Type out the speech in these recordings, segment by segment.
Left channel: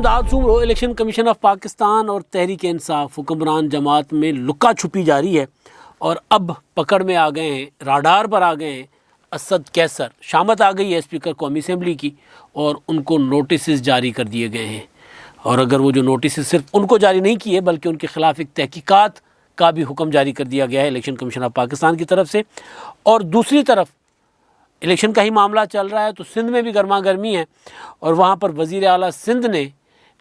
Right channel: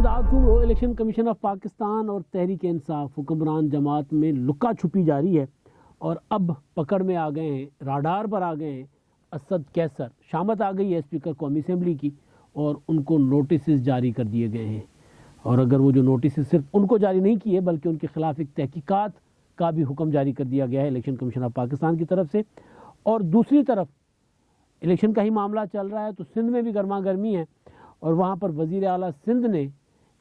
इमदाद सूबरो election commission of Pakistan और तहरीक इंसाफ हुक्मरान जमात में लुका छुपी जारी है और अब पकड़ में आ गए हैं, राडार पर आ गए हैं असद कैसर। शामत आ गई है स्पीकर कौमी असम्बली की और उनको नोटिस जारी कर दिए गए हैं। और अगर वो जो नोटिस सिर्फ उनको जारी नहीं किए बल्कि उनके ख़िलाफ़ एक तहकीकात का भी हुक्म जारी कर दिया गया है इलेक्शन कमीशन ऑफ पाकिस्तान की तरफ से। और दूसरी तरफ इलेक्शन का ही मामला चल रहा है तो सिंध में भी गर्मा गर्मी है और वहाँ पर वज़ीर आला सिंध ने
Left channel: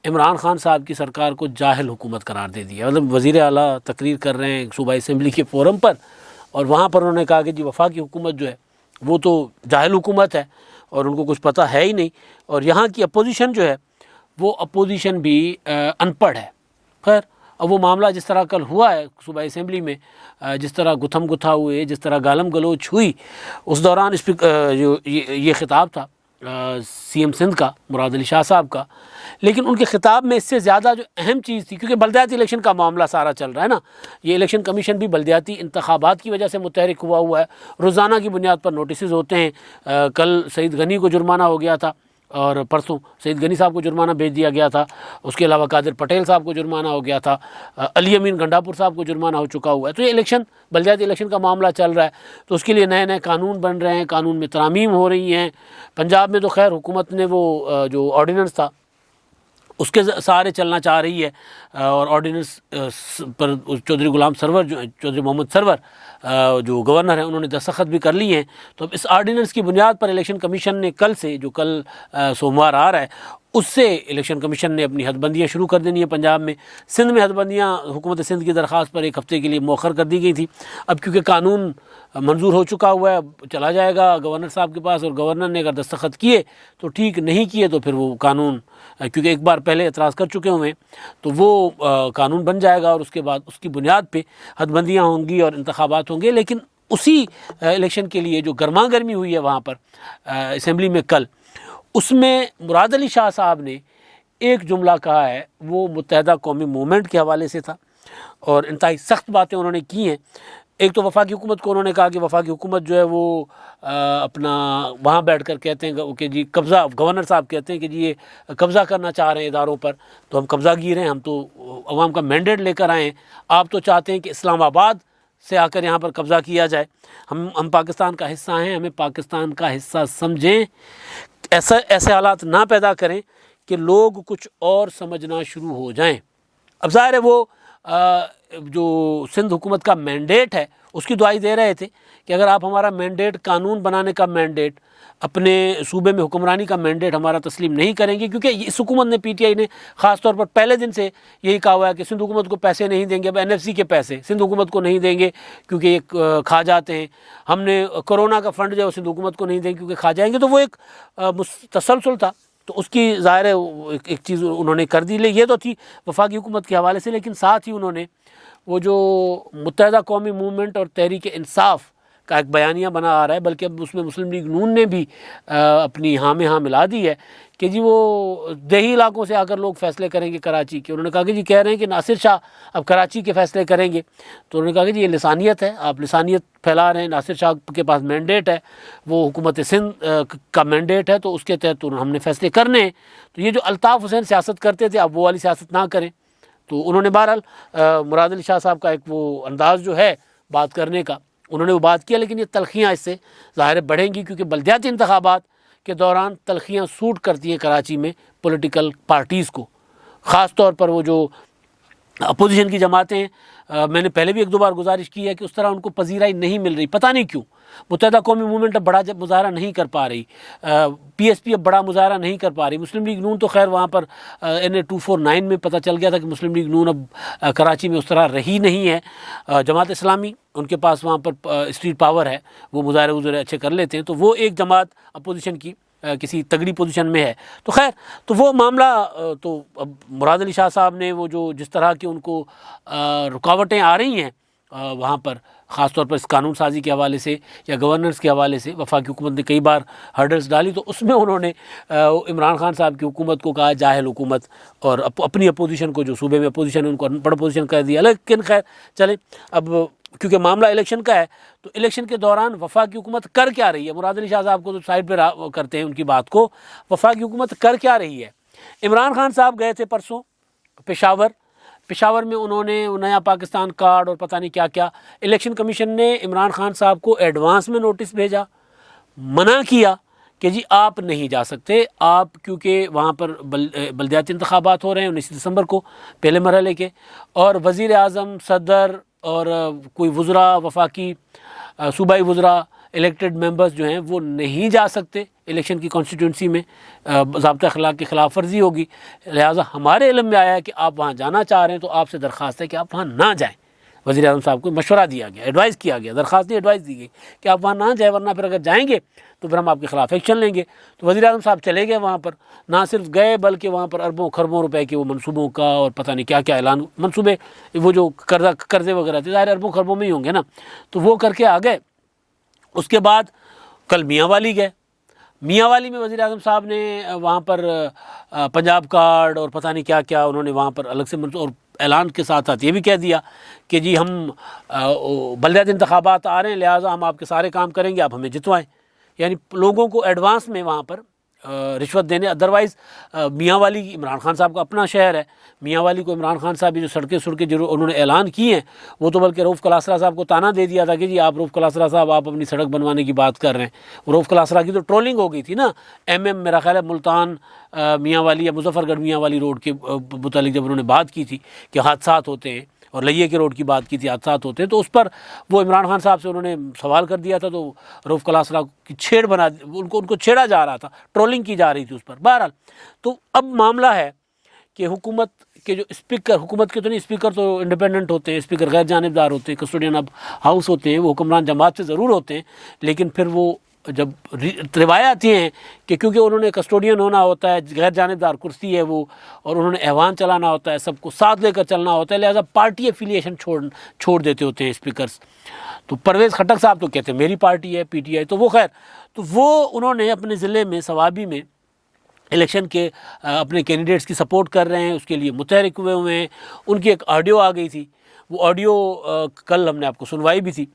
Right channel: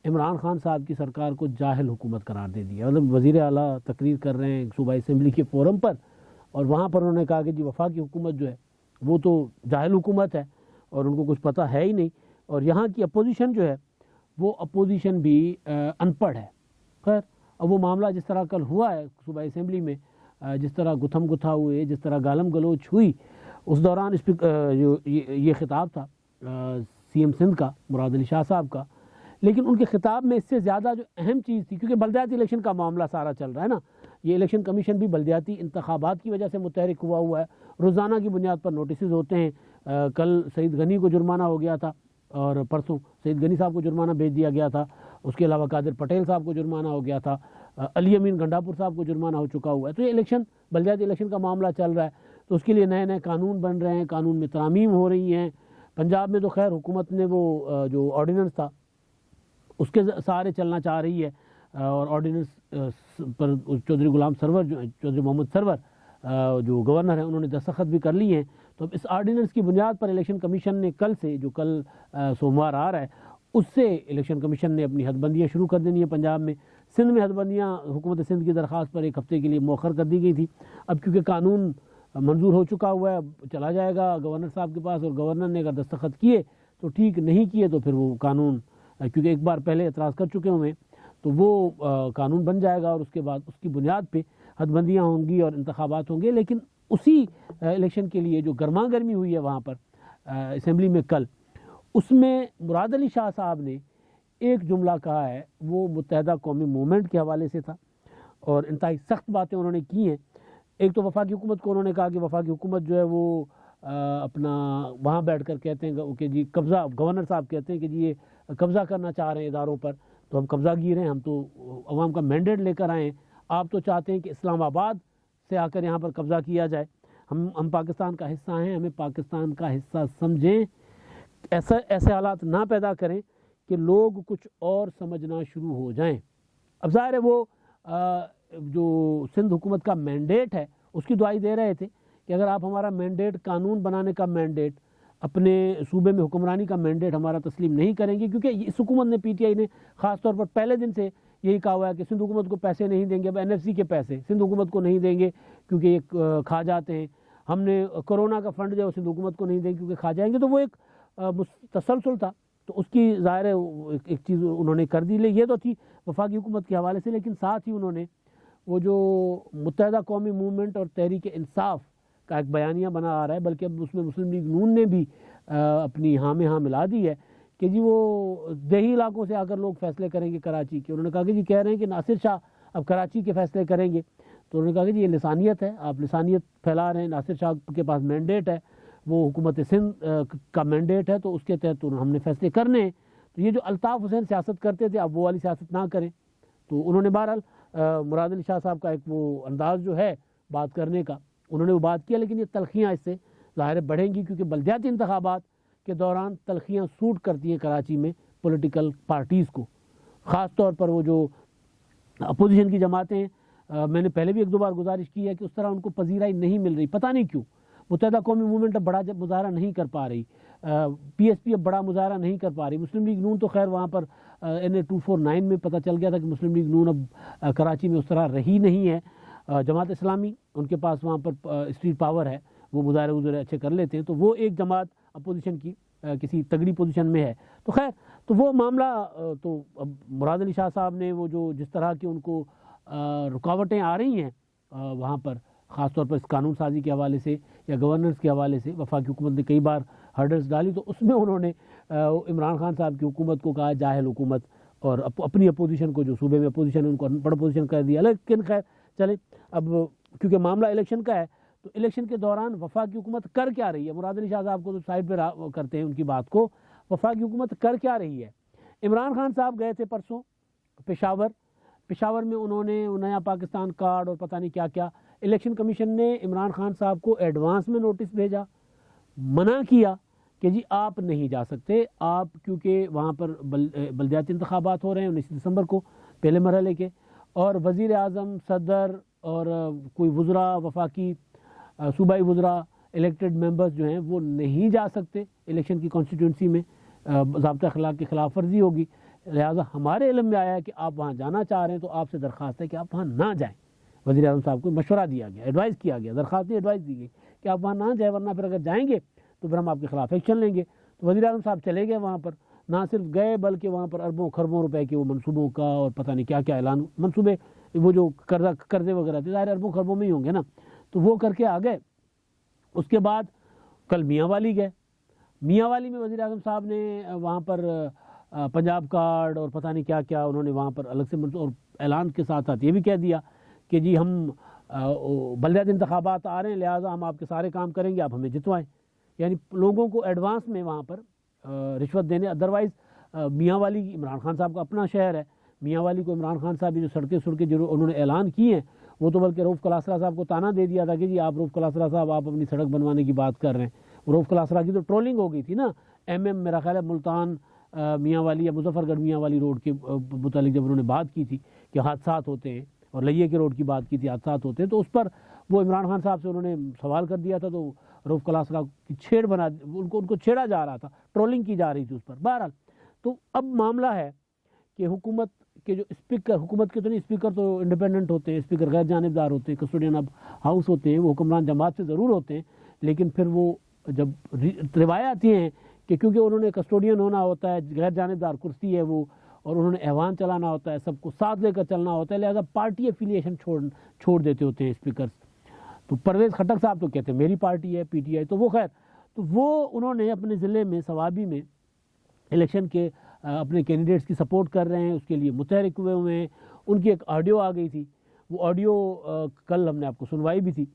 इमरान खान साहब की सरकार को जाहिल हुकूमत करार दे दिया। मतलब वज़ीर आला तकरीर कर रहे हैं सूबाई असम्बली के फोरम पर और वहाँ पर उन्होंने कहा कि जी वफाकी हुकूमत जो है वो तो जाहिल हुकूमत है और उनको कुछ पता है ही नहीं, और यहाँ की अपोजिशन जो है वो अपोजिशन भी अनपढ़ है। खैर, अब वो मामला जिस तरह कल हुआ है सूबाई असम्बली में, जिस तरह गुथम गुथा हुए, जिस तरह गालम गलोच हुई, उस दौरान जो ये ख़िताब था सीएम सिंध का मुराद अली शाह साहब का, लेकिन उनके ख़िताब में इससे ज़्यादा जो अहम चीज़ थी, क्योंकि बल्दियाती इलेक्शन का मामला सारा चल रहा है ना, ये इलेक्शन कमीशन भी बल्दियाती इंतखाबात की वजह से मुतहरिक हुआ है। रोज़ाना की बुनियाद पर नोटिस होते हैं। कल सईद गनी को जुर्माना हो गया था और परसों सईद गनी साहब को जुर्माना भेज दिया गया था। उसके अलावा कादिर पटेल साहब को जुर्माना हो गया था। अली अमीन गंडापुर साहब को जुर्माना हो चुका हुआ है। तो ये इलेक्शन बल्दियाती इलेक्शन का मामला चल रहा है तो उसके लिए नए नए कानून बन रहे हैं, कानून में तरामीम हो रही हैं। पंजाब में तो खैर हुकूमत ने वो जो ऑर्डिनेंस था उसके सहारे चलना चाह रही है और ऑर्डिनेंस पर चौधरी गुलाम सरवर जो चौधरी मोहम्मद सरवर जो गवर्नर हैं उन्होंने दस्तखत भी कर लिए हैं। तो अब इस आर्डिनेंस की बुनियाद पर इलेक्शन कमीशन ने कल से, जो कल सोमवार आ रहा है, उससे इलेक्शन कमीशन ने अपनी हदबंदियाँ शुरू कर देनी है पंजाब में। सिंध में हदबंदियाँ हुकूमत सिंध की दरख्वास्त पर एक हफ़्ते के लिए मौखर कर दी गई थी। अब क्योंकि कानून मंजूर हो चुका हुआ है, चला जाएगा गवर्नर साहब के पास और गवर्नर ने अगर दस्तखत किए तो ठीक, नहीं किए तो फिर वो कानून, क्योंकि एक बार पहले एतराज़ कर चुके हुए तो वो कानून बन जाएगा और उसके बाद उसकी बुनियाद पे हदबंदियाँ होंगी और इंतखाबात होंगे। लेकिन उसी इलेक्शन के लिए जो गर्मा गर्मी हुई है वहाँ पर असम्बली में कल, उसमें मुराद अली शाह साहब ने एक जुमला कहा है, वो मुत्तहदा कौमी मूवमेंट के हवाले से था और इंतहाई सख्त बातें उन्होंने की हैं। एक तो वफाकी हुकूमत को उन्होंने कहा कि वफाकी हुकूमत जो है वो अपना वहाँ बैठ कर कहते हैं कि जी कब्ज़ा, गवर्नर साहब कहते हैं कि जी ये कब्ज़ा करना चाह रहे हैं इदारों पर, तो हम कब्ज़ागीर हैं, हम तो अवाम का मैंडेट लेकर आए हैं। आप तो चाहते हैं कि इस्लामाबाद से आकर यहाँ पर कब्ज़ा किया जाए। हम पाकिस्तान का हिस्सा हैं, हमें पाकिस्तान का हिस्सा समझें। ऐसे हालात ना पैदा करें कि लोग कुछ और समझना शुरू हो जाएं। अब ज़ाहिर है वो जो सिंध हुकूमत का मैंडेट है उसकी दुआई दे रहे थे कि अगर आप हमारा मैंडेट, कानून बनाने का मैंडेट, अपने सूबे में हुक्मरानी का मैंडेट हमारा तस्लीम नहीं करेंगे, क्योंकि इस हुकूमत ने, पीटीआई ने ख़ास तौर पर पहले दिन से यही कहा हुआ है कि सिंध हुकूमत को पैसे नहीं देंगे, अब एनएफसी के पैसे सिंध हुकूमत को नहीं देंगे क्योंकि ये खा जाते हैं। हमने कोरोना का फ़ंड जो है सिंध हुकूमत को नहीं देंगे क्योंकि खा जाएंगे। तो वो एक तसलसल था, तो उसकी ज़ाहिर है एक चीज़ उन्होंने कर दी। ये तो थी वफाकी हुकूमत के हवाले से, लेकिन साथ ही उन्होंने वो जो मुत्तहदा कौमी मूवमेंट और तहरीक इंसाफ का एक बयानिया बना आ रहा है, बल्कि अब उसमें मुस्लिम लीग नून ने भी अपनी हाँ में हाँ मिला दी है कि जी वो देही इलाकों से आकर लोग फ़ैसले करेंगे कराची के। उन्होंने कहा कि जी कह रहे हैं कि नासिर शाह अब कराची के फ़ैसले करेंगे, तो उन्होंने कहा कि जी ये लिसानियत है, आप लिसानियत फैला रहे हैं। नासिर शाह के पास मैंडेट है, वो हुकूमत सिंध का मैंडेट है, तो उसके तहत हमने फ़ैसले करने हैं। तो ये जो अल्ताफ़ हुसैन सियासत करते थे, अब वो वाली सियासत ना करें। तो उन्होंने बहरहाल मुराद अली शाह साहब का एक वो अंदाज़ जो है बात करने का, उन्होंने वो बात किया, लेकिन ये तलखियाँ इससे ज़ाहिर बढ़ेंगी क्योंकि बल्दियाती इंतखाबात के दौरान तलखियाँ सूट करती हैं कराची में पॉलिटिकल पार्टीज़ को। ख़ास तौर पर वो जो अपोजिशन की जमातें, मैंने पहले भी एक दो बार गुजारिश की है कि उस तरह उनको पजीराई नहीं मिल रही, पता नहीं क्यों। मुत्तहदा कौमी मूवमेंट अब बड़ा मुजाहरा नहीं कर पा रही, पीएसपी अब बड़ा मुजाहरा नहीं कर पा रही। मुस्लिम लीग नून तो खैर वहाँ पर NA 249 में पता चल गया था कि मुस्लिम लीग नून अब कराची में उस तरह रही नहीं है। जमात इस्लामी, उनके पास वहाँ पर स्ट्रीट पावर है, वो मुजाहरे अच्छे कर लेते हैं, तो वो एक जमात अपोजिशन की किसी तगड़ी पोजीशन में है। तो खैर, तो वो मामला, तो अब मुराद अली शाह साहब ने वो जो जिस तरह की उनको रुकावटें आ रही हैं वहाँ पर, ख़ास तौर पर इस कानून साजी के हवाले से या गवर्नेंस के हवाले से वफाकी हुकूमत ने कई बार हर्डल्स डाली, तो उसमें उन्होंने इमरान खान साहब की हुकूमत को कहा जाहिल हुकूमत और अपनी अपोजिशन को, जो सूबे में अपोजिशन है, उनको अनपढ़ अपोजिशन कर दिया। लेकिन खैर चले, अब क्योंकि मामला इलेक्शन का है तो इलेक्शन के दौरान वफाकी हुकूमत कर क्या रही है, मुराद अली शाह साहब को तो साइड पर करते हैं उनकी बात को, वफाकी हुकूमत कर क्या रही है। इमरान खान साहब गए थे परसों पेशावर में, उन्होंने नया पाकिस्तान कार्ड और पता नहीं क्या क्या, इलेक्शन कमीशन ने इमरान खान साहब को एडवांस में नोटिस भेजा, मना किया कि जी आप नहीं जा सकते, आप क्योंकि वहाँ पर बल्दियाती इंतखाबात हो रहे हैं 19 दिसंबर को पहले मरहले के, और वज़ीर आज़म, सदर और कोई वज़रा, वफाकी सूबाई वज़रा, इलेक्टेड मेंबर्स जो हैं वो नहीं जा सकते इलेक्शन की कॉन्स्टिट्यूंसी में, ज़ाब्ता अखलाक की खिलाफ वर्जी होगी। लिहाजा हमारे इल्म में आया है कि आप वहाँ जाना चाह रहे हैं तो आपसे दरख्वास्त है कि आप वहाँ ना जाएँ। वज़ीर आज़म साहब को मशवरा दिया गया, एडवाइस किया गया, दरख्वास्त नहीं एडवाइस दी गई कि आप वहाँ ना जाए, वरना फिर अगर जाएंगे तो फिर हम आपके खिलाफ एक्शन लेंगे। तो वज़ीर आज़म साहब चले गए वहाँ पर, ना सिर्फ गए बल्कि वहाँ पर अरबों खरबों रुपए के वो मनसूबों का और पता नहीं क्या क्या ऐलान, मनसूबे वो जो कर्जे वगैरह थे, ज़ाहिर अरबों खरबों में ही होंगे ना, तो वो करके आ गए। उसके बाद कल मियांवाली गए, मियांवाली में वज़ीर आज़म साहब ने वहाँ पर पंजाब कार्ड और पता नहीं क्या क्या उन्होंने वहाँ पर अलग से और ऐलान के साथ साथ ये भी कह दिया कि जी हम बल्दियाती इंतखाबात आ रहे हैं, लिहाजा हम आपके सारे काम करेंगे, आप हमें जितवाएं। यानी लोगों को एडवांस में वहाँ पर रिश्वत देने। अदरवाइज़ मियांवाली इमरान खान साहब का अपना शहर है, मियांवाली को इमरान खान साहब जो सड़कें जो उन्होंने ऐलान की हैं, वो तो बल्कि रऊफ़ कलासरा साहब को ताना दे दिया था कि जी आप रऊफ़ कलासरा साहब आप अपनी सड़क बनवाने की बात कर रहे हैं। रऊफ़ कलासरा की तो ट्रोलिंग हो गई थी ना, मेरा ख्याल है मुल्तान मियांवाली या मुजफ्फरगढ़ मियांवाली रोड के मुतालिक जब उन्होंने बात की थी कि हादसात होते हैं, और लइये के रोड की बात की थी, हादसात होते हैं, तो उस पर वो इमरान खान साहब से उन्होंने सवाल कर दिया था, तो रऊफ़ कलासरा की छेड़ बना, उनको छेड़ा जा रहा था, ट्रोलिंग की जा रही थी उस पर। बहरहाल तो अब मामला है कि हुकूमत के जो स्पीकर, हुकूमत के तो नहीं, स्पीकर तो इंडिपेंडेंट होते हैं, स्पीकर गैर जानिबदार होते हैं, कस्टोडियन ऑफ हाउस होते हैं, वो हुक्मरान जमात से ज़रूर होते हैं, लेकिन फिर वो जब रिवायत ये हैं कि क्योंकि उन्होंने कस्टोडियन होना होता है, गैर जानिबदार कुर्सी है वो, और उन्होंने ऐवान चलाना होता है, सबको साथ लेकर चलना होता है, लिहाजा पार्टी एफिलिएशन छोड़ देते होते हैं स्पीकर्स। तो परवेज़ खटक साहब तो कहते हैं मेरी पार्टी है PTI, तो वो खैर, तो वो उन्होंने अपने ज़िले में सवाबी में इलेक्शन के अपने कैंडिडेट्स की सपोर्ट कर रहे हैं, उसके लिए मुतहरिक हुए हैं। उनकी एक ऑडियो आ गई थी, वो ऑडियो कल हमने आपको सुनवाई भी थी,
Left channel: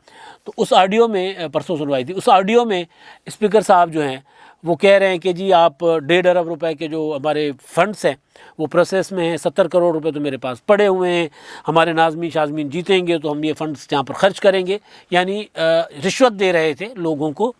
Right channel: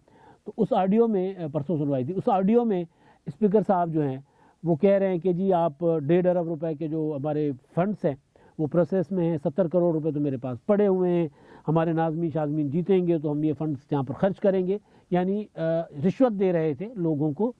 तो उस ऑडियो में, परसों सुनवाई थी, उस ऑडियो में स्पीकर साहब जो हैं वो कह रहे हैं कि जी आप 1.5 अरब रुपए के जो हमारे फंड्स हैं वो प्रोसेस में हैं, 70 करोड़ रुपए तो मेरे पास पड़े हुए हैं, हमारे नाज़मीन शाज़मीन जीतेंगे तो हम ये फ़ंड्स जहाँ पर ख़र्च करेंगे, यानी रिश्वत दे रहे थे लोगों को।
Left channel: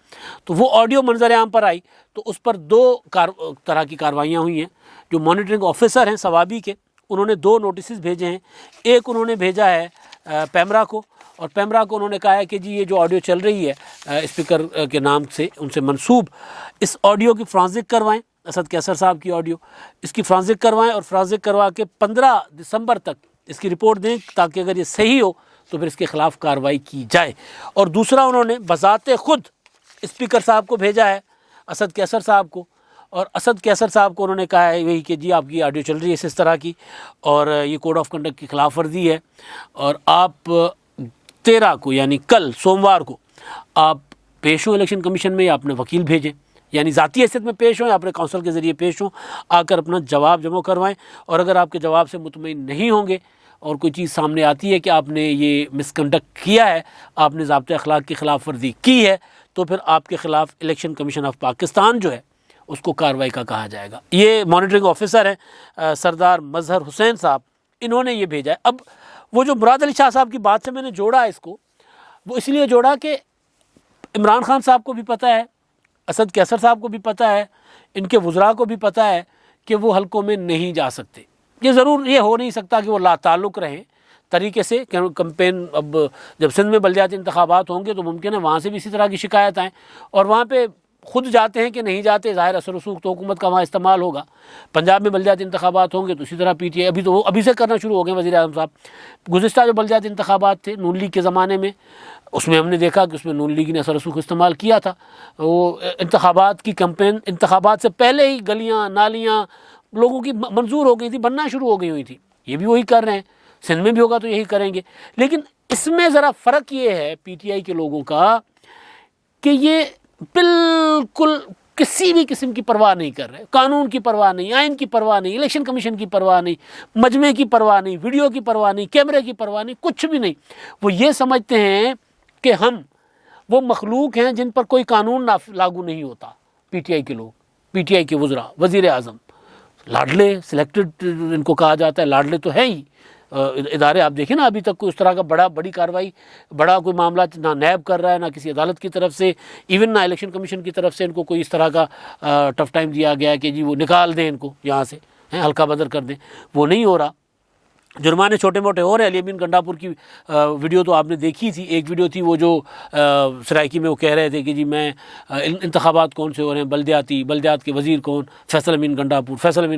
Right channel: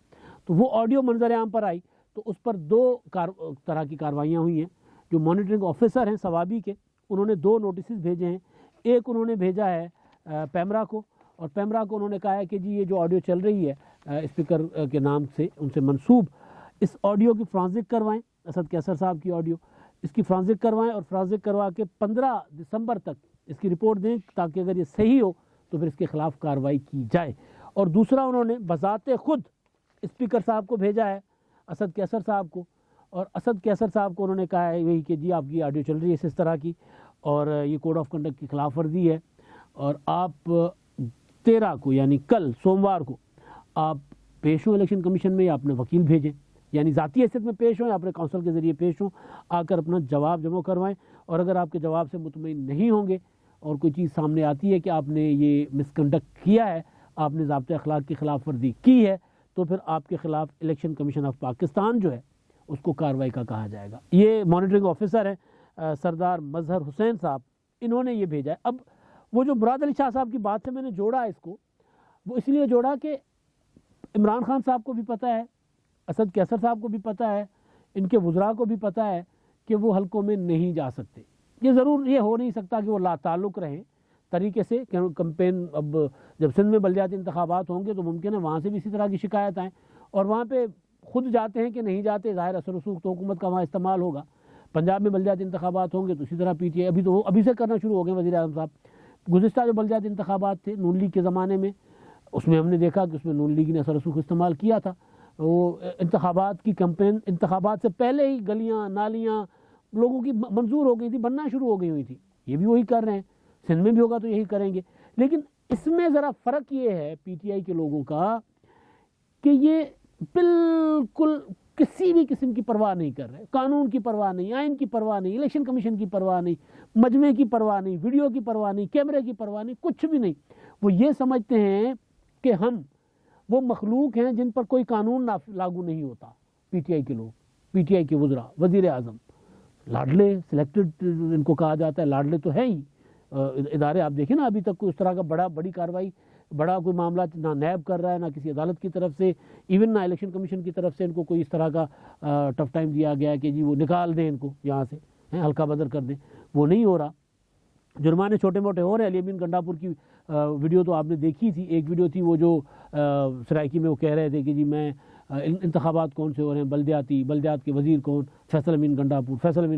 तो वो ऑडियो मंजर आम पर आई, तो उस पर 2 तरह की कार्रवाइयाँ हुई हैं। जो मॉनिटरिंग ऑफिसर हैं सवाबी के, उन्होंने 2 नोटिस भेजे हैं। एक उन्होंने भेजा है पैमरा को, और पैमरा को उन्होंने कहा है कि जी ये जो ऑडियो चल रही है स्पीकर के नाम से उनसे मंसूब, इस ऑडियो की फ्रांसिक करवाएं, असद कैसर साहब की ऑडियो, इसकी फ्रांसिक करवाएं और फ्रांसिक करवा के 15 दिसंबर तक इसकी रिपोर्ट दें, ताकि अगर ये सही हो तो फिर इसके ख़िलाफ़ कार्रवाई की जाए। और दूसरा उन्होंने बज़ाते ख़ुद स्पीकर साहब को भेजा है, असद कैसर साहब को, और असद कैसर साहब को उन्होंने कहा है वही कि जी आपकी ऑडियो चल रही है इस तरह की, और ये कोड ऑफ कंडक्ट की खिलाफ वर्जी है, और आप 13 को यानी कल सोमवार को आप पेश हों इलेक्शन कमीशन में, या अपने वकील भेजें, यानी ज़ाती हैसियत में पेश हों या अपने काउंसिल के ज़रिए पेश हों, आकर अपना जवाब जमा करवाएं। और अगर आपके जवाब से मुतमईन नहीं होंगे और कोई चीज़ सामने आती है कि आपने ये मिसकंडक्ट किया है, आपने ज़ाब्ते अखलाक की खिलाफ वर्जी की है, तो फिर आपके ख़िलाफ़ इलेक्शन कमीशन ऑफ पाकिस्तान जो है उसको कार्रवाई का कहा जाएगा। ये मॉनिटरिंग ऑफिसर हैं सरदार मजहर हुसैन साहब, इन्होंने ये भेजा है। अब वो जो मुराद अली शाह साहब की बात से मैंने जोड़ा इसको, वो इसलिए जोड़ा कि इमरान खान साहब को भी पता है, असद कैसर साहब को भी पता है, इनके वज़रा को भी पता है कि वो हलकों में नहीं जा सकते। ये ज़रूर ये हो नहीं सकता कि वो लाताल्लुक़ रहें तरीके से कैंपेन। अब जब सिंध में बल्दियाती इंतखाबात होंगे तो मुमकिन है वहाँ से भी इसी तरह की शिकायत आएँ, और वहाँ पे खुद जाते हैं कि नहीं जाते, ज़ाहिर असर रसूख तो हुकूमत का वहाँ इस्तेमाल होगा। पंजाब में बल्दियाती इंतखाबात होंगे तो इसी तरह PTI अभी से करना शुरू हो गए वज़ीर आज़म साहब। गुज़िश्ता जो बल्दियाती इंतखाबात थे नून लीग के ज़माने में, उसमें हमने देखा कि उसमें नून लीग ने असर रसूख इस्तेमाल किया था। वो इंतखाबात की कैंपेन, इंतखाबात से पहले ही गलियाँ नालियाँ लोगों की मंजूर हो गई थी, बनना शुरू हो गई हुई थी। ये भी वही कर रहे हैं, सिंध में भी होगा तो यही करेंगे। लेकिन इसमें ज़रा फ़र्क ये है PTI के लोगों का कि ये बिल्कुल किसी भी किस्म की परवाह नहीं कर रहे, कानून की परवाह नहीं, आइन की परवाह नहीं, इलेक्शन कमीशन की परवाह नहीं, मजमे की परवाह नहीं, वीडियो की परवाह नहीं, कैमरे की परवाह नहीं, कुछ भी नहीं। वो ये समझते हैं कि हम वो मखलूक हैं जिन पर कोई कानून लागू नहीं होता। PTI के लोग, PTI के वज़रा, वज़ीर आज़म, लाडले सिलेक्टेड इनको कहा जाता है, लाडले तो है ही इदारे। आप देखें ना, अभी तक कोई इस तरह का बड़ी कार्रवाई, बड़ा कोई मामला ना नैब कर रहा है, ना किसी अदालत की तरफ से, इवन ना इलेक्शन कमीशन की तरफ से इनको कोई इस तरह का टफ टाइम दिया गया है कि जी वो निकाल दें इनको यहाँ से, हैं हल्का बदर कर दें, वो नहीं हो रहा। जुर्माने छोटे मोटे हो रहे हैं। अली अमीन गंडापुर की वीडियो तो आपने देखी थी, एक वीडियो थी वो जो सराइकी में वो कह रहे थे कि जी मैं इंतखाबात कौन से हो रहे हैं, बल्दियात के वज़ीर कौन, फैसल अमीन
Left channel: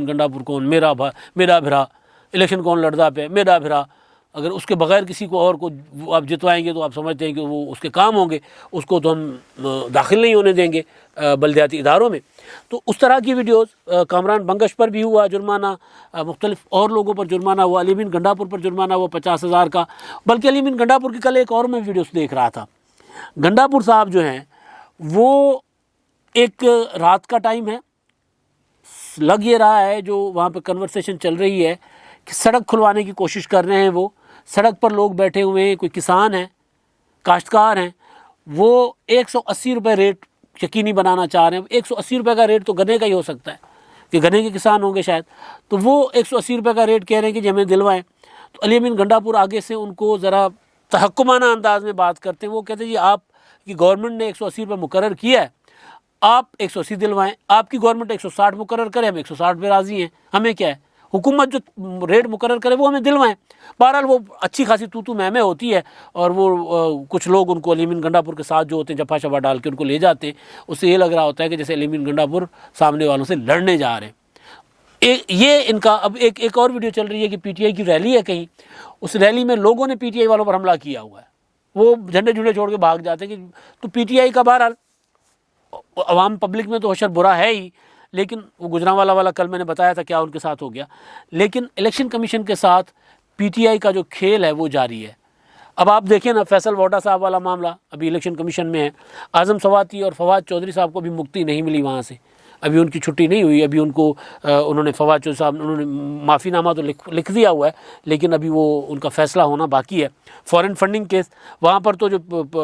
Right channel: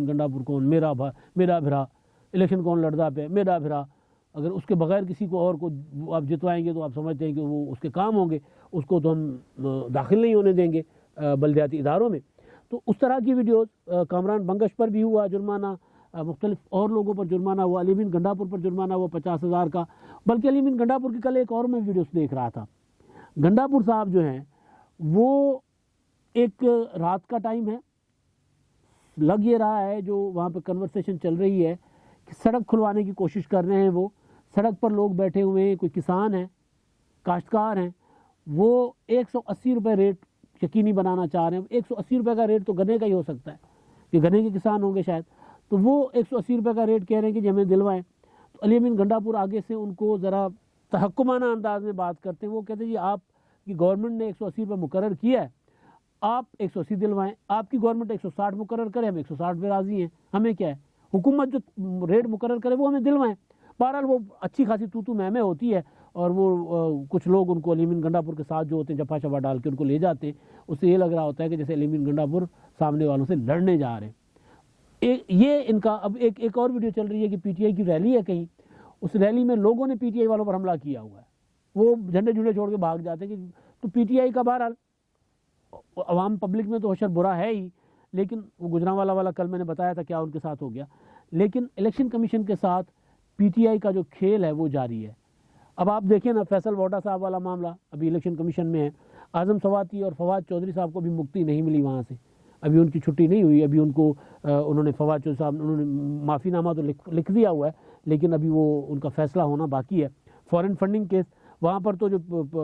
गंडापुर कौन, मेरा भरा, इलेक्शन कौन लड़दा पे, मेरा भरा। अगर उसके बगैर किसी को और को आप जितवाएंगे तो आप समझते हैं कि वो उसके काम होंगे, उसको तो हम दाखिल नहीं होने देंगे बल्दियाती इदारों में। तो उस तरह की वीडियोस कामरान बंगश पर भी हुआ जुर्माना, मुख्तलिफ और लोगों पर जुर्माना हुआ, अली अमीन गंडापुर पर जुर्माना हुआ 50,000 का। बल्कि अली अमीन गंडापुर की कल एक और मैं वीडियोस देख रहा था। गंडापुर साहब जो हैं वो एक रात का टाइम है, लग ये रहा है जो वहाँ पर कन्वर्सेशन चल रही है कि सड़क खुलवाने की कोशिश कर रहे हैं। वो सड़क पर लोग बैठे हुए हैं, कोई किसान हैं, काश्तकार हैं, वो 180 रुपये रेट यकीनी बनाना चाह रहे हैं। 180 रुपये का रेट तो गन्ने का ही हो सकता है कि गन्ने के किसान होंगे शायद, तो वो 180 रुपये का रेट कह रहे हैं कि जी हमें दिलवाएं। तो अली अमीन गंडापुर आगे से उनको ज़रा तहक्कुमाना अंदाज में बात करते हैं। वो कहते हैं जी आपकी गवर्नमेंट ने 180 रुपये मुकर्रर किया है, आप 180 दिलवाएं, आपकी गवर्नमेंट 160 मुकर्रर करे, हम 160 पे राज़ी हैं, हमें क्या है, हुकूमत जो रेट मुकर्रर करे वो हमें दिलवाएं। बहरहाल वो अच्छी खासी तू मैं होती है और वो कुछ लोग उनको अली अमीन गंडापुर के साथ जो होते हैं जफा शफा डाल के उनको ले जाते हैं। उससे ये लग रहा होता है कि जैसे अली अमीन गंडापुर सामने वालों से लड़ने जा रहे हैं। ये इनका अब एक और वीडियो चल रही है कि पीटीआई की रैली है कहीं, उस रैली में लोगों ने पीटीआई वालों पर हमला किया हुआ है, वो झंडे झुंडे छोड़ के भाग जाते हैं कि तो पीटीआई का बहरहाल अवाम पब्लिक में तो हशर बुरा है ही, लेकिन वो गुजरांवाला वाला कल मैंने बताया था क्या उनके साथ हो गया। लेकिन इलेक्शन कमीशन के साथ पीटीआई का जो खेल है वो जारी है। अब आप देखें ना, फैसल वोडा साहब वाला मामला अभी इलेक्शन कमीशन में है। आज़म सवाती और फवाद चौधरी साहब को भी मुक्ति नहीं मिली वहाँ से, अभी उनकी छुट्टी नहीं हुई। अभी उनको उन्होंने फवाद चौधरी साहब उन्होंने माफ़ीनामा तो लिख दिया हुआ है, लेकिन अभी वो उनका फ़ैसला होना बाकी है। फॉरेन फंडिंग केस, वहाँ पर तो जो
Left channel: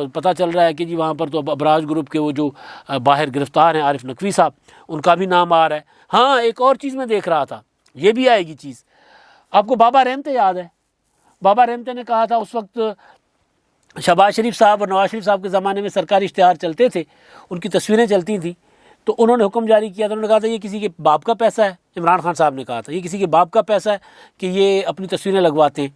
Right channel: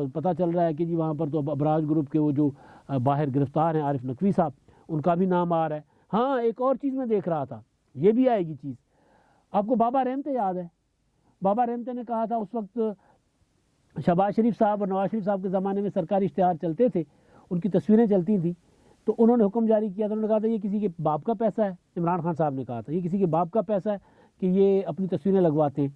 पता चल रहा है कि जी वहाँ पर तो अबराज ग्रुप के वो जो बाहर गिरफ़्तार हैं आरिफ नकवी साहब, उनका भी नाम आ रहा है। हाँ, एक और चीज़ मैं देख रहा था, ये भी आएगी चीज़। आपको बाबा रहमते याद है? बाबा रहमते ने कहा था उस वक्त शहबाज शरीफ साहब और नवाज शरीफ साहब के ज़माने में सरकारी इश्तिहार चलते थे, उनकी तस्वीरें चलती थी, तो उन्होंने हुक्म जारी किया था। उन्होंने कहा था ये किसी के बाप का पैसा है। इमरान खान साहब ने कहा था ये किसी के बाप का पैसा है कि ये अपनी तस्वीरें लगवाते हैं।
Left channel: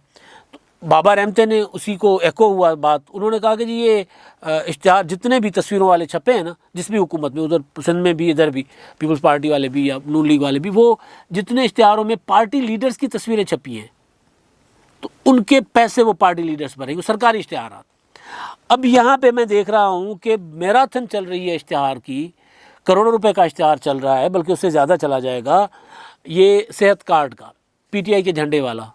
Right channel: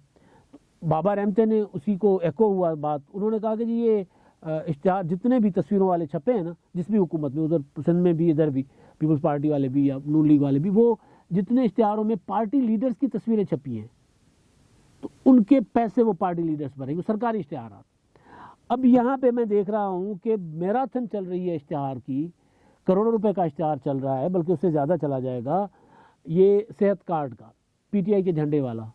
तो बाबा रहमते ने उसी को एको हुआ बात, उन्होंने कहा कि जी ये इश्तिहार जितने भी तस्वीरों वाले छपे हैं ना, जिस भी हुकूमत में, उधर सिंध में भी, इधर भी पीपल्स पार्टी वाले भी या नून लीग वाले भी, वो जितने इश्तिहारों में पार्टी लीडर्स की तस्वीरें छपी हैं तो उनके पैसे वो पार्टी लीडर्स भरेंगे, सरकारी इश्तिहार। अब यहाँ पे मैं देख रहा हूँ कि मैराथन चल रही है इश्तिहार की, करोड़ों रुपए का इश्तिहार चल रहा है, बल्कि उससे ज़्यादा चला जाएगा। ये सेहत कार्ड का पीटीआई के झंडे वाला,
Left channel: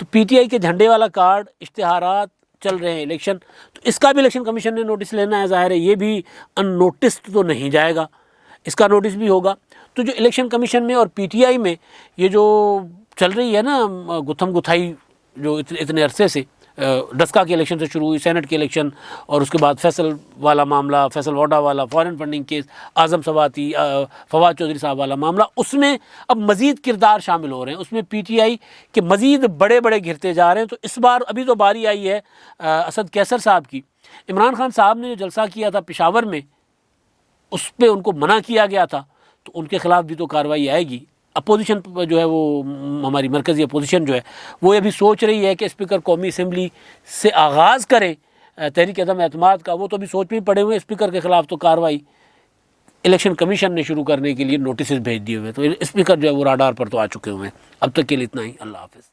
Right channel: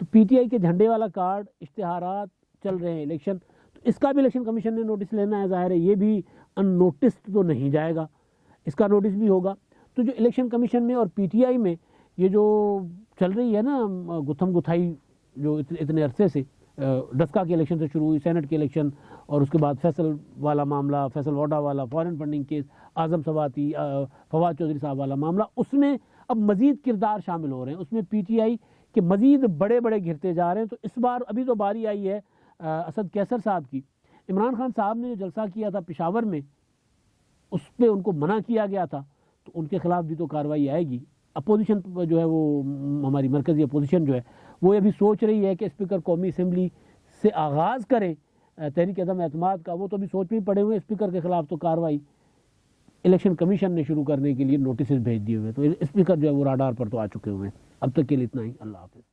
तो पीटीआई के झंडे वाला कार्ड इश्तिहारात चल रहे हैं इलेक्शन, तो इसका भी इलेक्शन कमीशन ने नोटिस लेना है। ज़ाहिर है ये भी अननोटिस्ड तो नहीं जाएगा, इसका नोटिस भी होगा। तो जो इलेक्शन कमीशन में और पीटीआई में ये जो चल रही है ना गुथम गुथाई, जो इतने अरसे से डस्का के इलेक्शन से शुरू हुई, सेनेट के इलेक्शन, और उसके बाद फैसल वाला मामला, फैसल वोडा वाला, फॉरेन फंडिंग केस, आज़म सवाती, फवाद चौधरी साहब वाला मामला, उसमें अब मज़ीद किरदार शामिल हो रहे हैं, उसमें पीटीआई के मज़ीद बड़े बड़े घिरते जा रहे हैं। तो इस बार अभी तो बारी आई है असद कैसर साहब की। इमरान खान साहब ने जो जलसा किया था पेशावर में, उस पर उनको मना किया गया था, तो उनके खिलाफ भी तो कार्रवाई आएगी। अपोजिशन जो है वो हमारी मरकज़ी अपोजिशन जो है वो अभी सोच रही है कि स्पीकर कौमी असम्बली से आगाज़ करें तहरीक अदम एतमाद का। वो तो अभी सोच में पड़े हुए, स्पीकर के ख़िलाफ़ तो कार्रवाई इलेक्शन कमीशन ने शुरू करने के लिए नोटिस भेज दिए हुए। तो स्पीकर जो है वो राडार पर तो आ चुके हुए हैं। अब तक के लिए इतना ही। अल्लाह हाफ़िज़।